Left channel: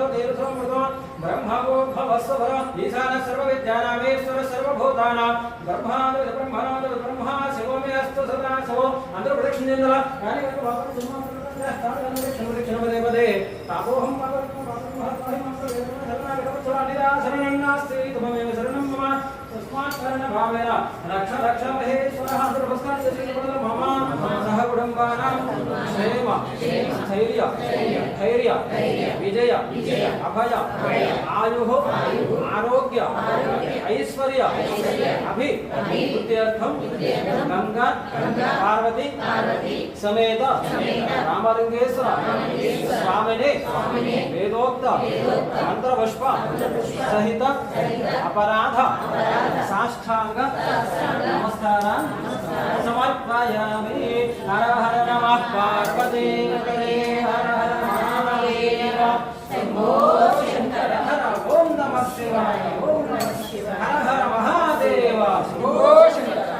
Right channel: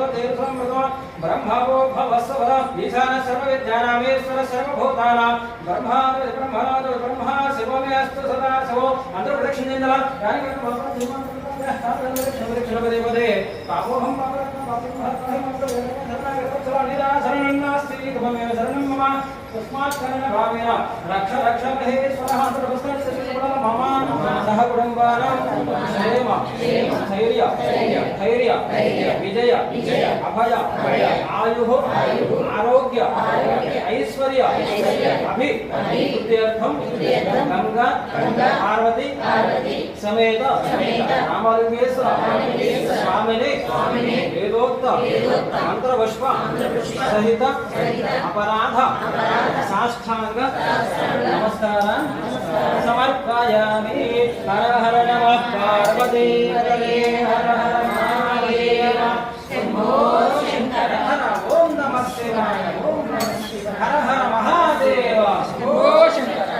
ब्रह्मवो भवस्वभर ईशान सर्वविद्यानामेश्वर सर्वभूतानां ब्रह्मादि ब्रह्मणादि ब्रह्मा शिवो मे अस्तु सदा शिवो अंतर प्रदक्षिणेन्द्र यानि वक्त भगवते तापोहं शरणन्नास्ति शरणं मम तस्मात् शरणभावेन रक्ष रक्ष महेश्वरः मम सह कुटुम्बानां क्षेम धैर्य धैर्य विजय अभय आयुः आरोग्य ऐश्वर्य अभिवृद्ध्यर्थं गंगा पार्वती समेत रामलिंगेश्वर स्वामिने वेदोक्त मंत्रपुष्प सहित अपराध साष्टांग नमस्कारान् समर्पयामि। हर हर नमः पार्वती हर हर महादेव शंभो शंकर ओम नमः शिवाय ओम नमः शिवाय हर हर महादेव शंभो शंकर।